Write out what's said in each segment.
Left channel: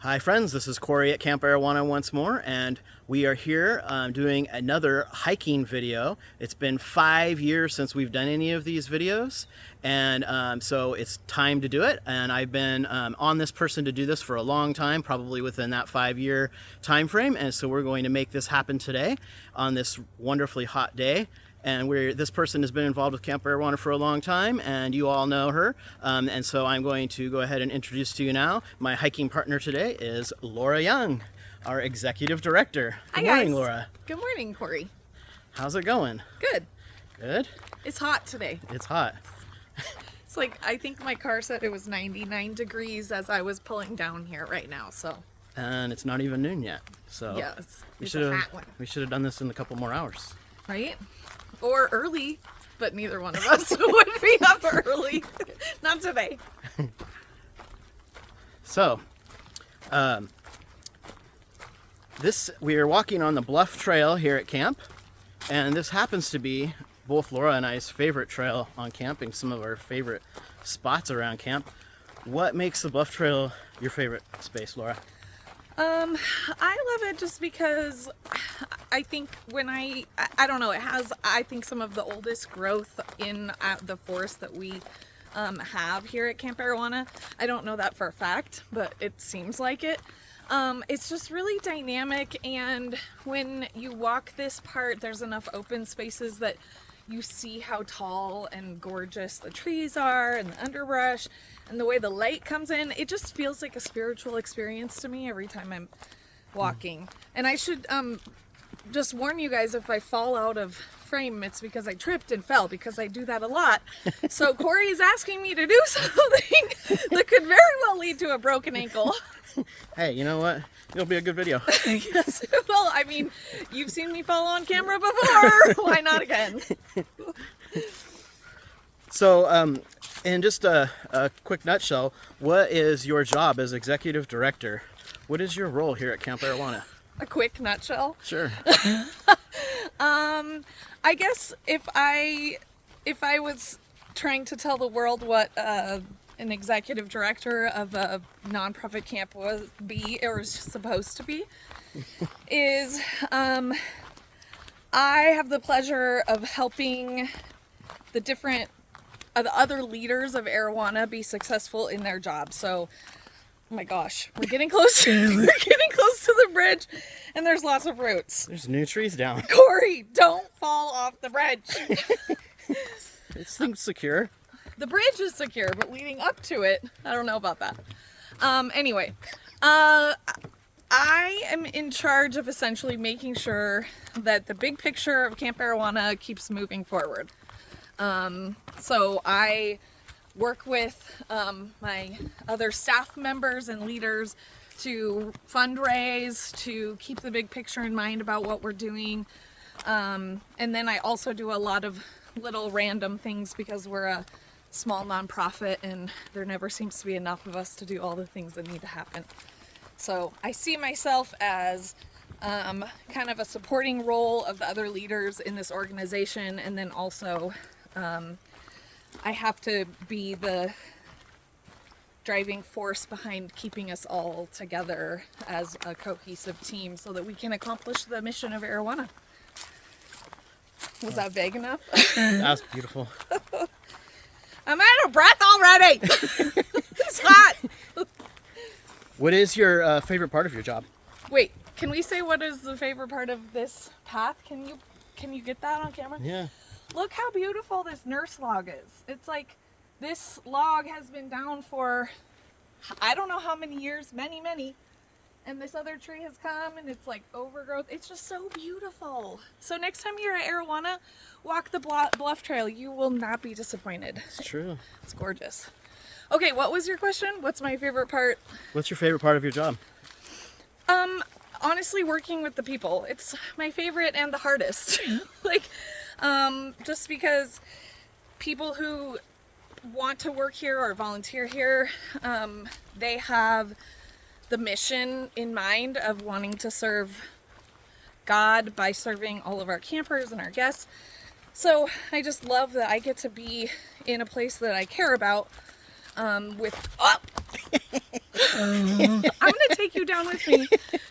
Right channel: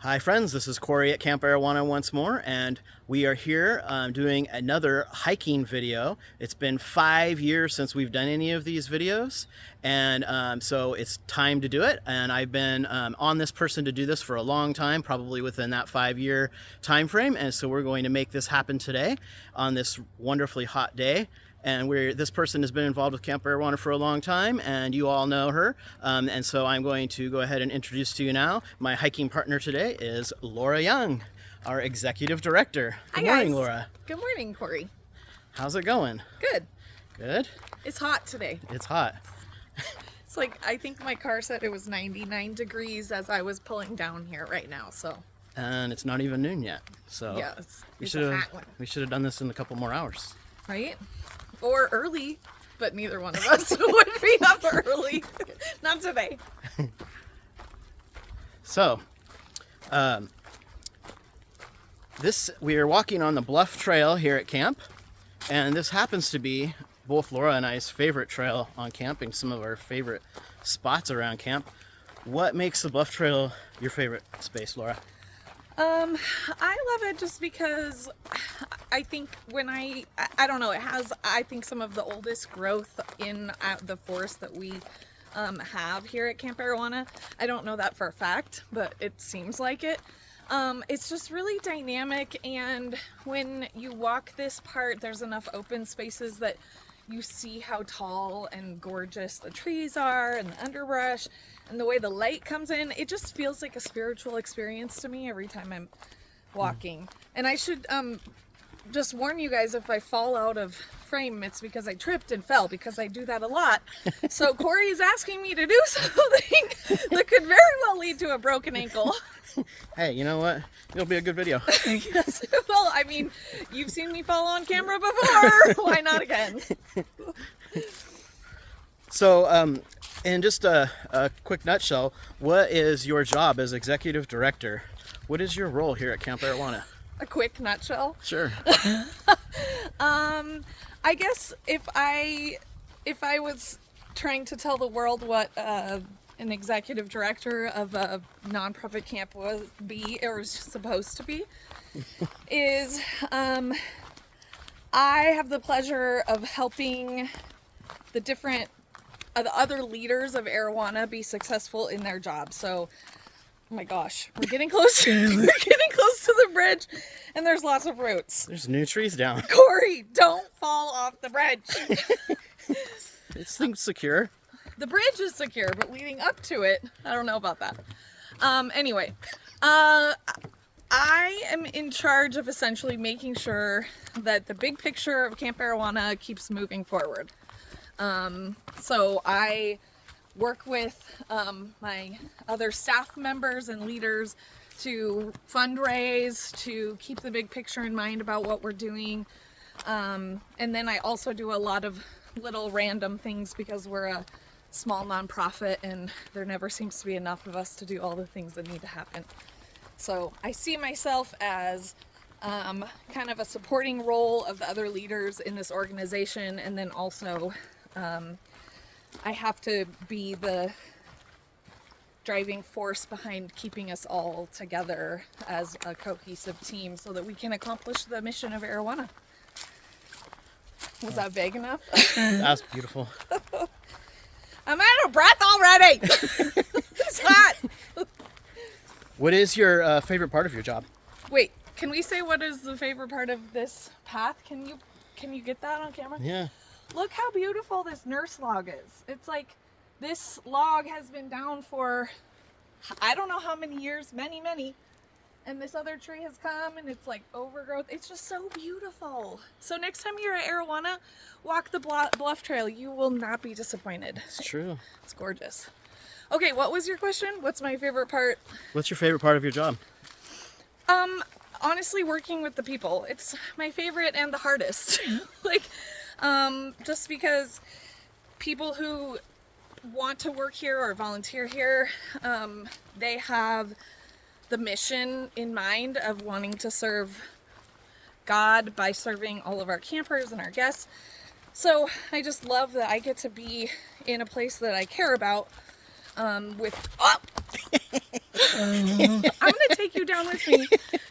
Hi friends, this is Corey at Camp Arowana once more, and we are here doing another hiking video. It's been 5 years since we've done any of these videos, and so it's time to do it. And I've been on this person to do this for a long time, probably within that 5-year time frame, and so we're going to make this happen today on this wonderfully hot day. And this person has been involved with Camp Arowana for a long time, and you all know her. And so I'm going to go ahead and introduce to you now. My hiking partner today is Laura Young, our executive director. Good morning, Laura. Good morning, Corey. How's it going? Good. Good? It's hot today. It's hot. It's like, I think my car said it was 99 degrees as I was pulling down here right now, so. And it's not even noon yet. So yeah, we should have done this in a couple more hours. Right? Or early, but neither one of us would be up early. Not today. So, we are walking on the Bluff Trail here at camp, and this happens to be both Laura and I's favorite trail on camping, some of our favorite spots around camp. What makes the Bluff Trail your favorite space, Laura? I love it just because I think I don't know, it has, I think, some of the oldest growth in the forest that we have here at Camp Arowana. I don't know that for a fact, but it seems like it. It's just really dynamic, and when you walk this part, there's enough open spaces that you see how tall and gorgeous the trees are and the underbrush. And the way the light comes in, it just feels like a spiritual experience to me every time I'm walking. And I should just warn you guys, if I fall out of frame, it's because I tripped and fell, because I do that a lot. So Corey is asking me to do something that could very well lead to a broken ankle. Hey, you know what? It'll be a good video. Yes. Well, I mean, you've seen me fall on camera before. Why not again? So, in just a quick nutshell, what is your job as executive director? What is your role here at Camp Arowana? A quick nutshell? Sure. I guess if I was trying to tell the world what an executive director of a nonprofit camp was supposed to be, is I have the pleasure of helping the other leaders of Arowana be successful in their job. So, oh my gosh, we're getting close to the bridge, and there's lots of roots. There's new trees down. Corey, don't fall off the bridge. This thing's secure. The bridge is secure, but leading up to it, I don't know about that. Anyway, I am in charge of essentially making sure that the big picture of Camp Arowana keeps moving forward. So I work with my other staff members and leaders to fundraise, to keep the big picture in mind about what we're doing. And then I also do a lot of little random things because we're a small nonprofit and there never seems to be enough of us to do all the things that need to happen. So I see myself as kind of a supporting role of the other leaders in this organization, and then also I have to be the driving force behind keeping us all together as a cohesive team so that we can accomplish the mission of Arowana. Was that vague enough? That's beautiful. I'm out of breath already. It's hot. What is your favorite part of your job? Wait, can we say what is the favorite part of this path? Can you get that on camera? Yeah. Look how beautiful this nurse log is. It's like this log has been down for I don't know how many years, many. And this other tree has come and it's like overgrowth. It's just so beautiful. So next time you're at Arowana, walk the Bluff Trail. You will not be disappointed. It's true. It's gorgeous. Okay, what was your question? What's my favorite part? What's your favorite part of your job? Honestly, working with the people. It's my favorite and the hardest. Just because people who want to work here or volunteer here, they have the mission in mind of wanting to serve God by serving all of our campers and our guests. So I just love that I get to be in a place that I care about, with I'm gonna take you down with me,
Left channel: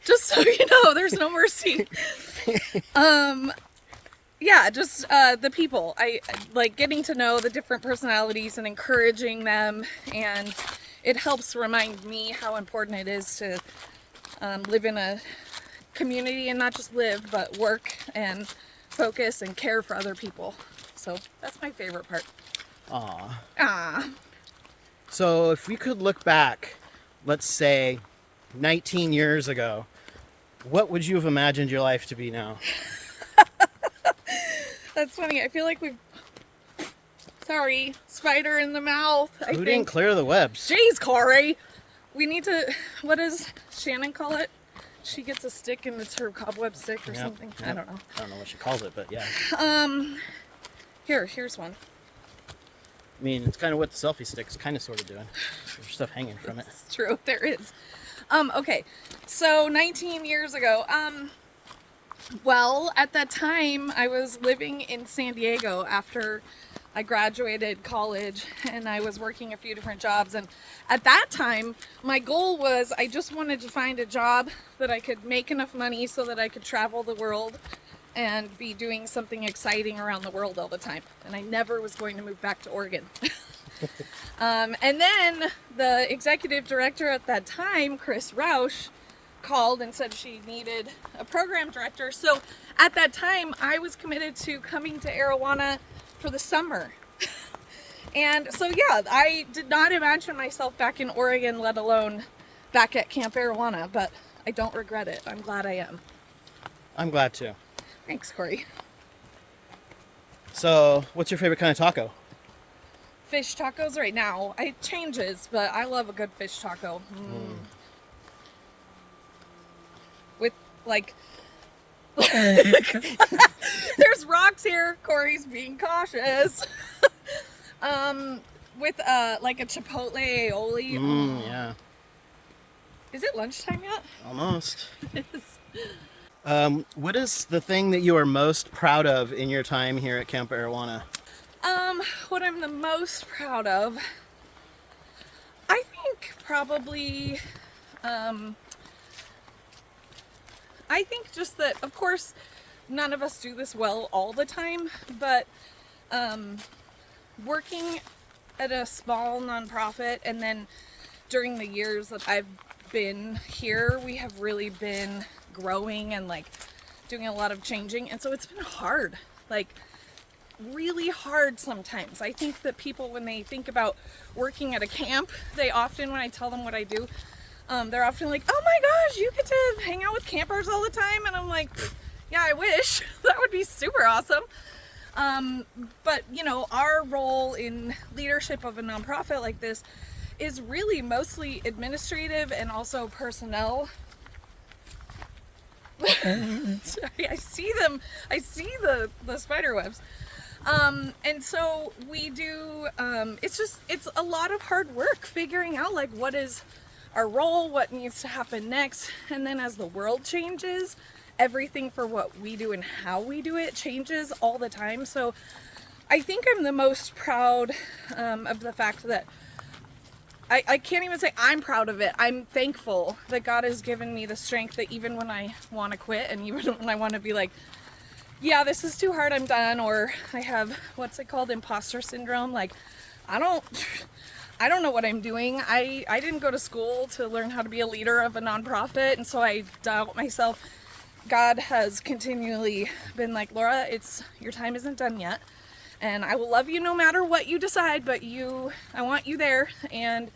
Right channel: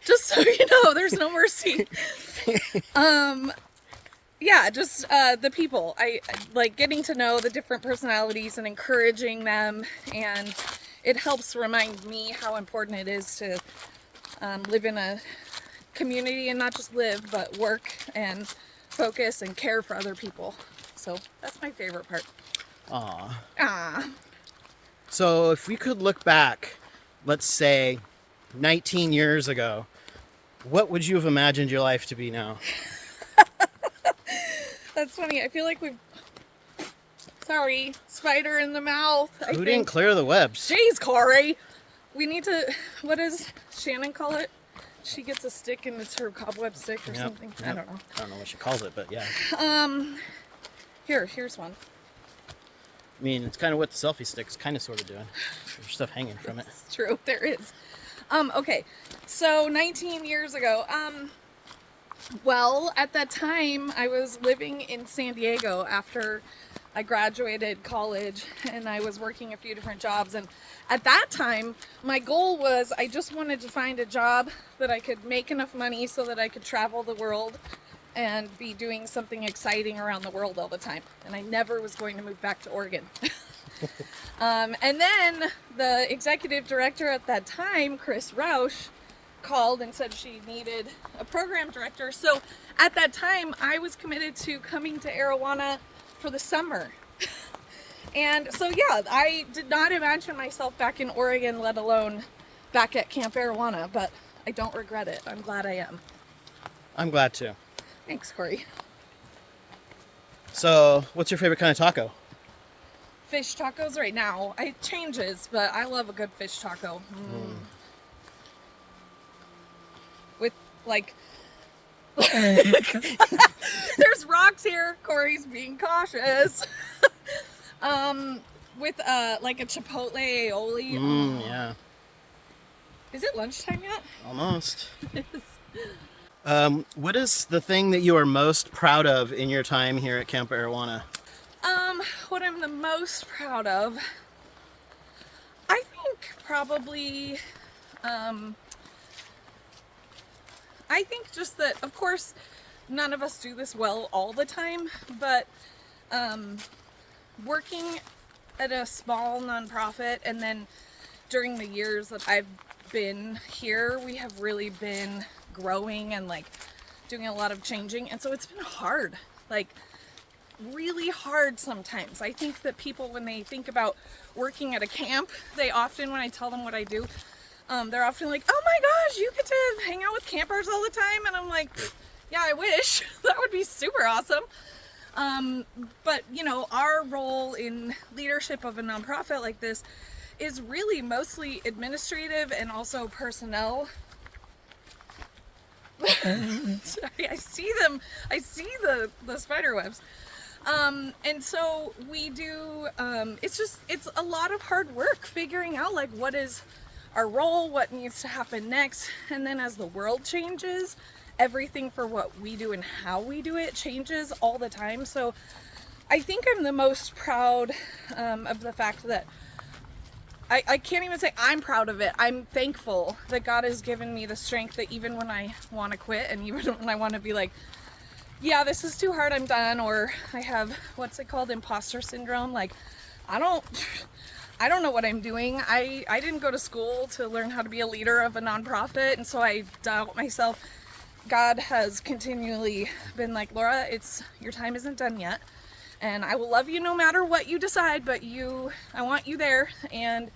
just so you know. There's no mercy. Yeah, just the people. I like getting to know the different personalities and encouraging them, and it helps remind me how important it is to live in a community, and not just live, but work and focus and care for other people. So that's my favorite part. Aw. So if you could look back, let's say 19 years ago, what would you have imagined your life to be now? That's funny. I feel like we've... Sorry, spider in the mouth. Who didn't clear the webs? Jeez, Corey. We need to... What does Shannon call it? She gets a stick and it's her cobweb stick or something. Yep. I don't know. I don't know what she calls it, but yeah. Here's one. I mean, it's kind of what the selfie stick's kind of sort of doing. There's stuff hanging from it. It's true, there is. Okay, so 19 years ago, well, at that time, I was living in San Diego after I graduated college, and I was working a few different jobs, and at that time, my goal was I just wanted to find a job that I could make enough money so that I could travel the world and be doing something exciting around the world all the time, and I never was going to move back to Oregon. And then the executive director at that time, Chris Roush, called and said she needed a program director. So at that time, I was committed to coming to Arowana for the summer. And so, yeah, I did not imagine myself back in Oregon, let alone back at Camp Arowana, but I don't regret it. I'm glad I am. I'm glad too. Thanks, Corey. So, what's your favorite kind of taco? Fish tacos right now. It changes, but I love a good fish taco. With, like... There's rocks here. Corey's being cautious. With, like a chipotle aioli. Yeah. Is it lunchtime yet? Almost. It is. What is the thing that you are most proud of in your time here at Camp Arowana? What I'm the most proud of, I think probably, I think just that, of course, none of us do this well all the time, but, working at a small nonprofit, and then during the years that I've been here, we have really been growing and like doing a lot of changing, and so it's been hard, like really hard sometimes. I think that people, when they think about working at a camp, they often, when I tell them what I do, they're often like, oh my gosh, you get to hang out with campers all the time, and I'm like, yeah, I wish. That would be super awesome. But you know, our role in leadership of a nonprofit like this is really mostly administrative and also personnel. I see them. I see the spider webs. And so we do, it's a lot of hard work figuring out like what is our role, what needs to happen next. And then as the world changes, everything for what we do and how we do it changes all the time. So I think I'm the most proud of the fact that I can't even say I'm proud of it. I'm thankful that God has given me the strength that even when I want to quit, and even when I want to be like, yeah, this is too hard, I'm done, or I have, what's it called, imposter syndrome, like, I don't know what I'm doing. I didn't go to school to learn how to be a leader of a nonprofit, and so I doubt myself. God has continually been like, Laura, your time isn't done yet, and I will love you no matter what you decide, but I want you there. And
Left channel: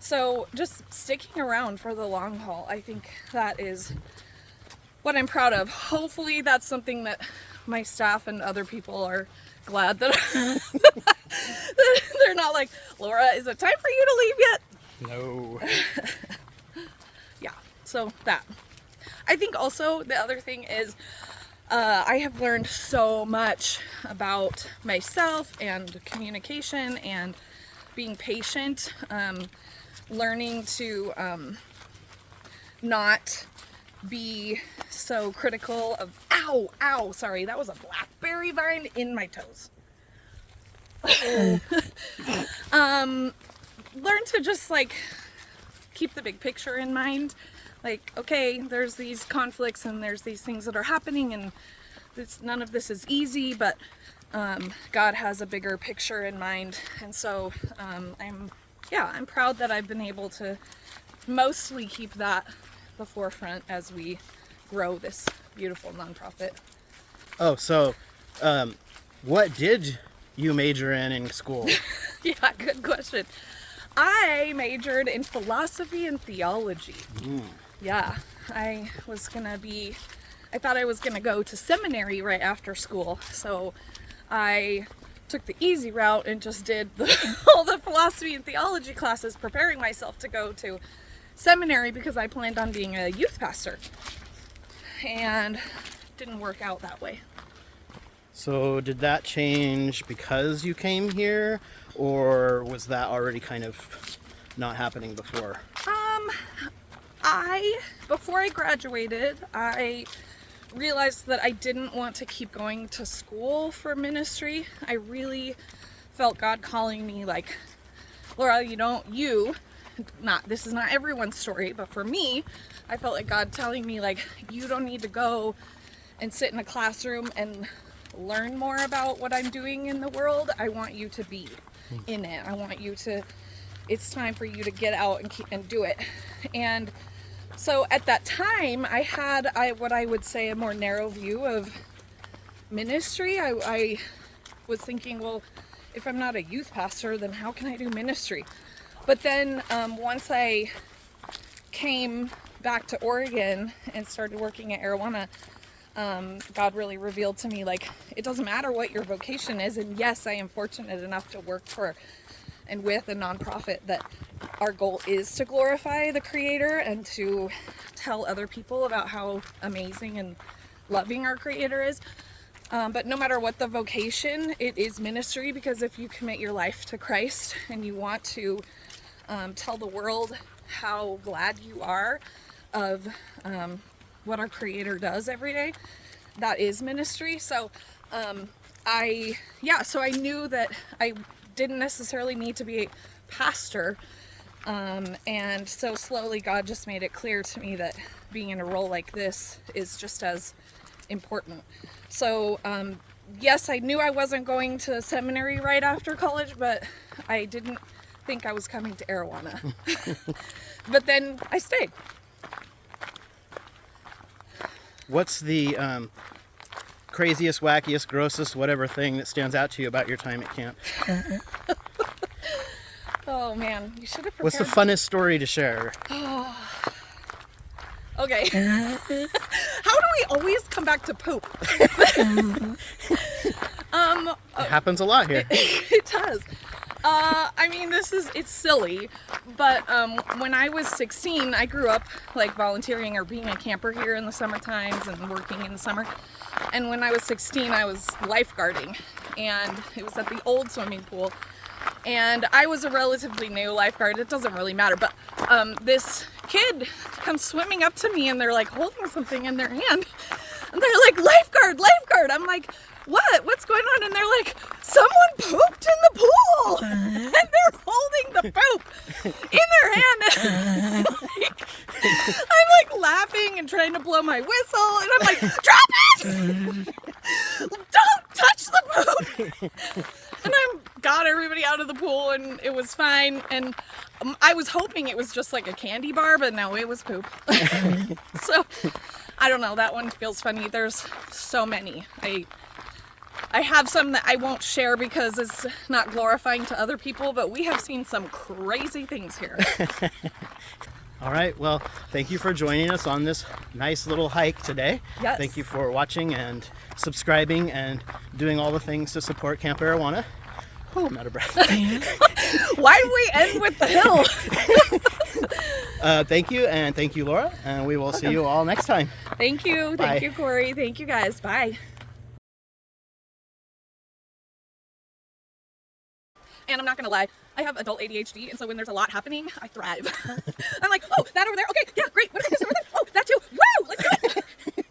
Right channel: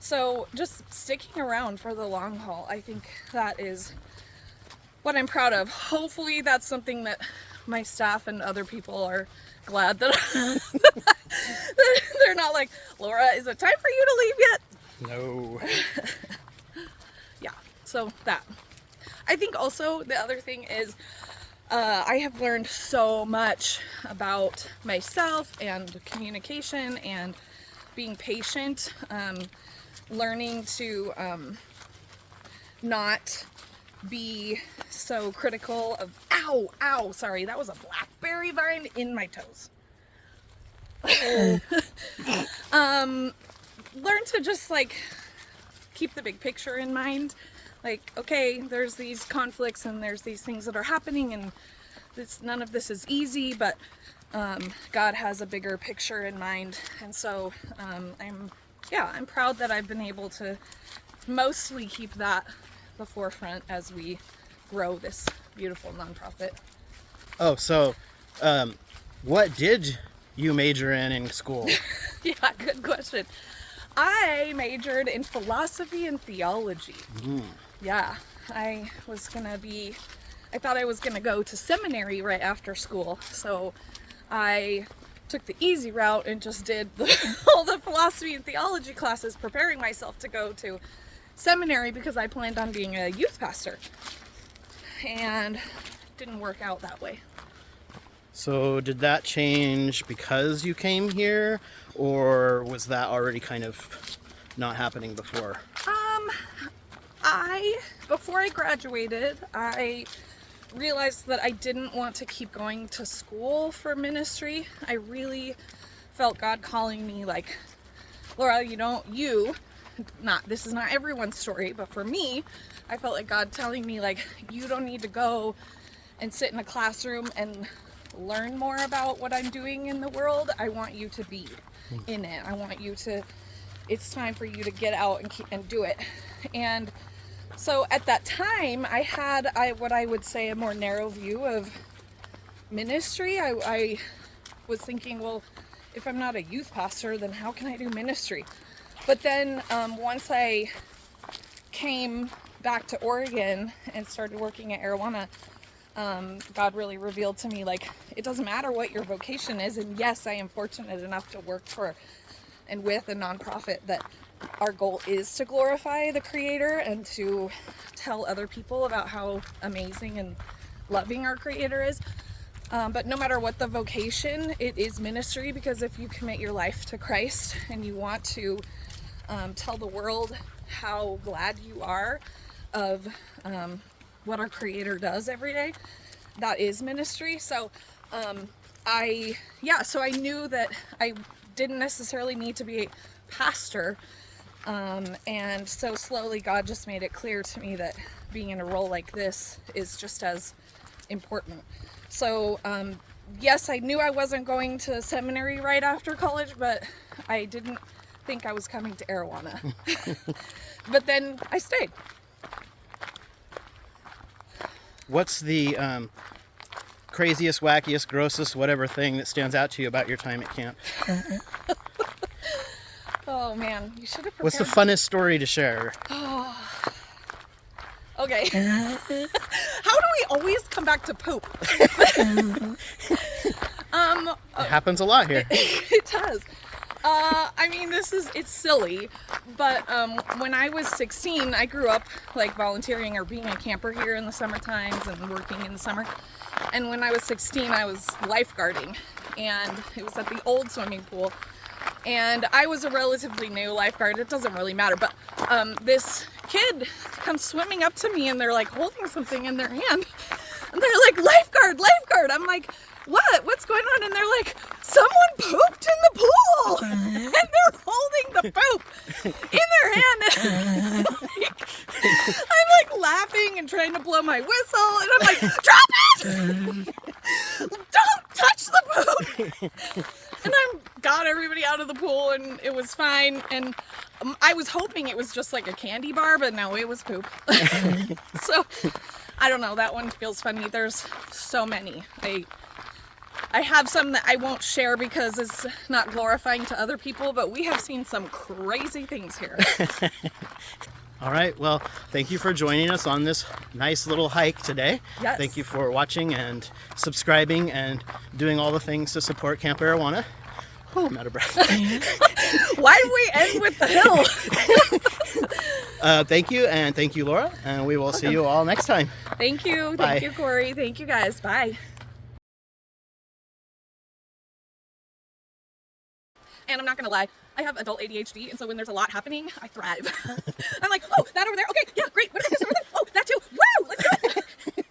so just sticking around for the long haul, I think that is what I'm proud of. Hopefully that's something that my staff and other people are glad that they're not like, Laura, is it time for you to leave yet? No. Yeah, so that. I think also the other thing is I have learned so much about myself and communication and being patient, learning to not be so critical of, ow, sorry, that was a blackberry vine in my toes. learned to just like keep the big picture in mind. Like, okay, there's these conflicts and there's these things that are happening, and none of this is easy, but God has a bigger picture in mind. And so I'm proud that I've been able to mostly keep that the forefront as we grow this beautiful nonprofit. Oh, so what did you major in school? Yeah, good question. I majored in philosophy and theology. Yeah, I thought I was gonna go to seminary right after school, so I took the easy route and just did all the philosophy and theology classes, preparing myself to go to seminary because I planned on being a youth pastor, and it didn't work out that way. So did that change because you came here, or was that already kind of not happening before? Before I graduated, I realized that I didn't want to keep going to school for ministry. I really felt God calling me, like, Laura, this is not everyone's story, but for me, I felt like God telling me, like, you don't need to go and sit in a classroom and learn more about what I'm doing in the world. I want you to be in it. It's time for you to get out and do it. And so at that time, I had what I would say a more narrow view of ministry. I was thinking, well, if I'm not a youth pastor, then how can I do ministry? But then once I came back to Oregon and started working at Arowana, God really revealed to me, like, it doesn't matter what your vocation is. And yes, I am fortunate enough to work for and with a nonprofit that our goal is to glorify the Creator and to tell other people about how amazing and loving our Creator is. But no matter what the vocation, it is ministry, because if you commit your life to Christ and you want to tell the world how glad you are of what our Creator does every day, that is ministry. So I knew that I didn't necessarily need to be a pastor, and so slowly God just made it clear to me that being in a role like this is just as important. So yes, I knew I wasn't going to seminary right after college, but I didn't think I was coming to Arowana. But then I stayed. What's the craziest, wackiest, grossest, whatever thing that stands out to you about your time at camp? Oh man, you should have prepared. What's the funnest story to share? Oh. Okay. How do we always come back to poop? It happens a lot here. It does. I mean, it's silly, but when I was 16, I grew up like volunteering or being a camper here in the summer times and working in the summer. And when I was 16, I was lifeguarding, and it was at the old swimming pool. And I was a relatively new lifeguard. It doesn't really matter, but this kid comes swimming up to me, and they're like holding something in their hand, and they're like, "Lifeguard, lifeguard!" I'm like, "What? What's going on?" And they're like, "Someone pooped in the pool!" And they're holding the poop in their hand. And I'm like laughing and trying to blow my whistle, and I'm like, "Drop it! Don't touch the poop!" And I got everybody out of the pool, and it was fine. And I was hoping it was just like a candy bar, but no, it was poop. So I don't know. That one feels funny. There's so many. I have some that I won't share because it's not glorifying to other people, but we have seen some crazy things here. All right. Well, thank you for joining us on this nice little hike today. Yes. Thank you for watching and subscribing and doing all the things to support Camp Arowana. Oh, I'm out of breath. Why did we end with the hill? Thank you, and thank you, Laura. And we will see you all next time. Thank you. Bye. Thank you, Corey. Thank you, guys. Bye. And I'm not gonna lie, I have adult ADHD, and so when there's a lot happening, I thrive. I'm like, oh, that over there, okay, yeah, great. Oh, that too. Woo! Let's go.